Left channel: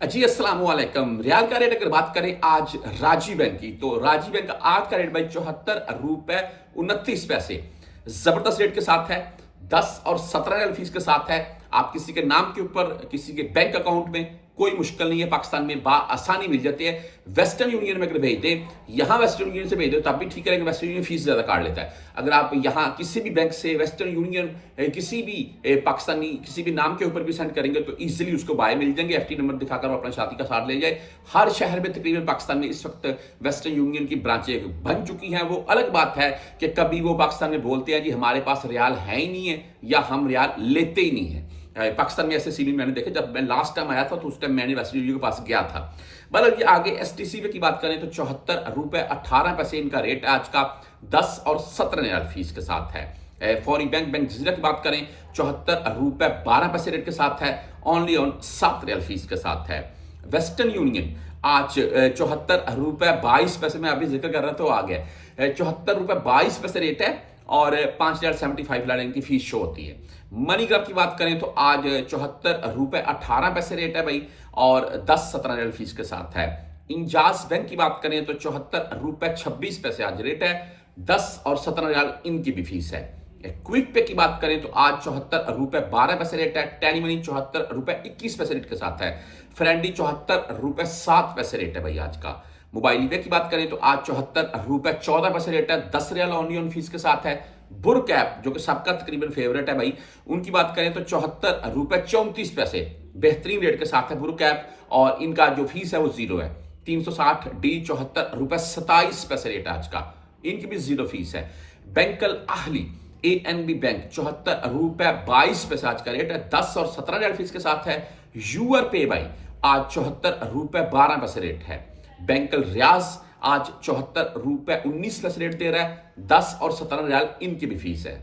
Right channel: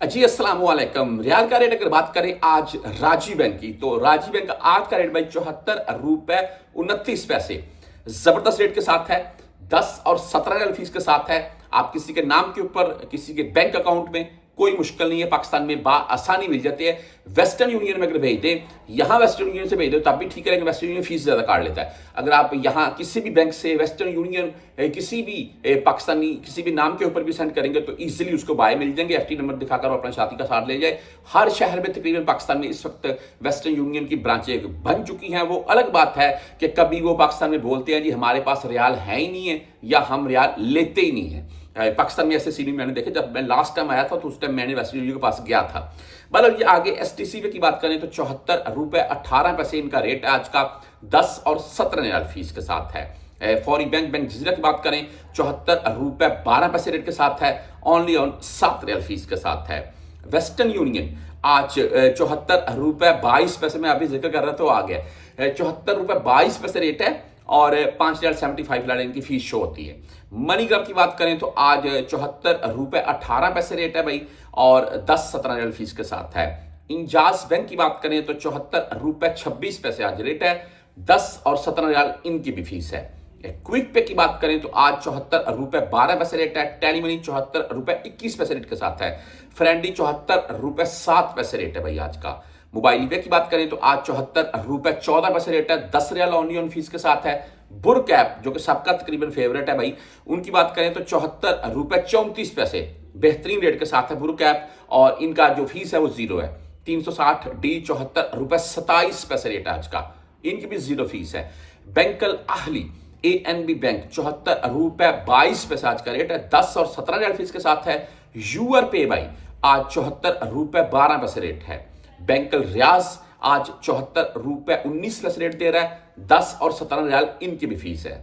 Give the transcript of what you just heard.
जी अस्सलाम वालेकुम। रियाल का रेट अगर बात करें आज राजी बैंक की, तो राजी बैंक का आज का रेट भाई 74 रुपए 29 पैसे जबरदस्त रेट के साथ है। 10 और 17 फीस के साथ है। आप किसी के नाम के ऊपर किसी के बैंक अकाउंट में कोई मुश्किल नहीं है, पाकिस्तान में आसानी मिल जाती है। वेस्टर्न यूनियन में अगर भेज दें, यहां वेस्टर्न यूनियन से भेज दो तब भी ठीक रहेगा, वेस्टर्न यूनियन फीस ज्यादा काट लेता है। अगर आप यहां किसी भी बैंक से वेस्टर्न यूनियन किसी भी पाकिस्तानी किसी भी नाम के ऊपर भी सेंड करेंगे तो इजीली उसको बाय मिल जाएंगे। एफटी नंबर दिखाकर वो अपना साथी का साथ ले जाए। हर शहर में तकरीबन पाकिस्तान में इस वक्त वेस्टर्न यूनियन की ब्रांचें बन चुकी हैं। वो अलग बात है कि कभी वो पाकिस्तान में बोलते हैं जी हमारे पास रियाल है ही नहीं है या हम रियाल लेते ही नहीं है। पाकिस्तान में ऐसे सीन मैंने देखे। जब मैं लास्ट टाइम आया था तो उस टाइम मैंने वेस्टर्न यूनियन के पास गया था। मतलब ये आगे एसटीसी की बात करें तो 74 रुपए 18 पैसे इनका रेट है आज का। 10 और 17 फीस के साथ है। फौरी बैंक जजीरा की बात करें 74 रुपए 12 पैसे रेट के साथ है। ओनली ऑन 7 फीस के साथ है। वेस्टर्न यूनियन आज 74 रुपए 22 पैसे में अभी जिक्र कर रहा था, आ गया 74 रुपए 22 पैसे रेट है और 5,075 इनकी फीस शो होती है। मनीग्राम की बात करें तो आज 74 रुपए 18 पैसे रेट है भाई और 10-17 फीस के साथ है। इंजाज बैंक की बात करें तो 74 रुपए 26 पैसे आज रेट है। 10 और 17 इनकी भी फीस है। क्विक पे की बात करें तो आज 74 रुपए 12 पैसे रेट है। टेली मनी 74 रुपए 21 पैसे रेट के साथ है। फ्रेंडी 74 रुपए 7 पैसे रेट है भाई आज का। मोबाइल पे की बात करें तो आज 74 रुपए 14 पैसे रेट है। 10 ओनली ऑन फीस के साथ है। बुर्क ऐप जो कि सबका तकरीबन फेवरेट है भाई, उनकी बात करें तो 74 रुपए 34 पैसे बेहतरीन रेट के साथ है बुर्क ऐप और इनका जो फीस है वो जीरो है। 360D 74 रुपए 27 पैसे रेट है आज का, इनकी भी जीरो फीस है। बैंकल आहली ANB बैंक 74 रुपए 22 पैसे आज का रेट है। 10 और 17 फीस के साथ है। यूआर पे भाई आज 74 रुपए 12 पैसे रेट है। बैंकल रियाज आज 74 रुपए 19 पैसे रेट दे रहा है। 10 और 17 इनकी भी फीस है।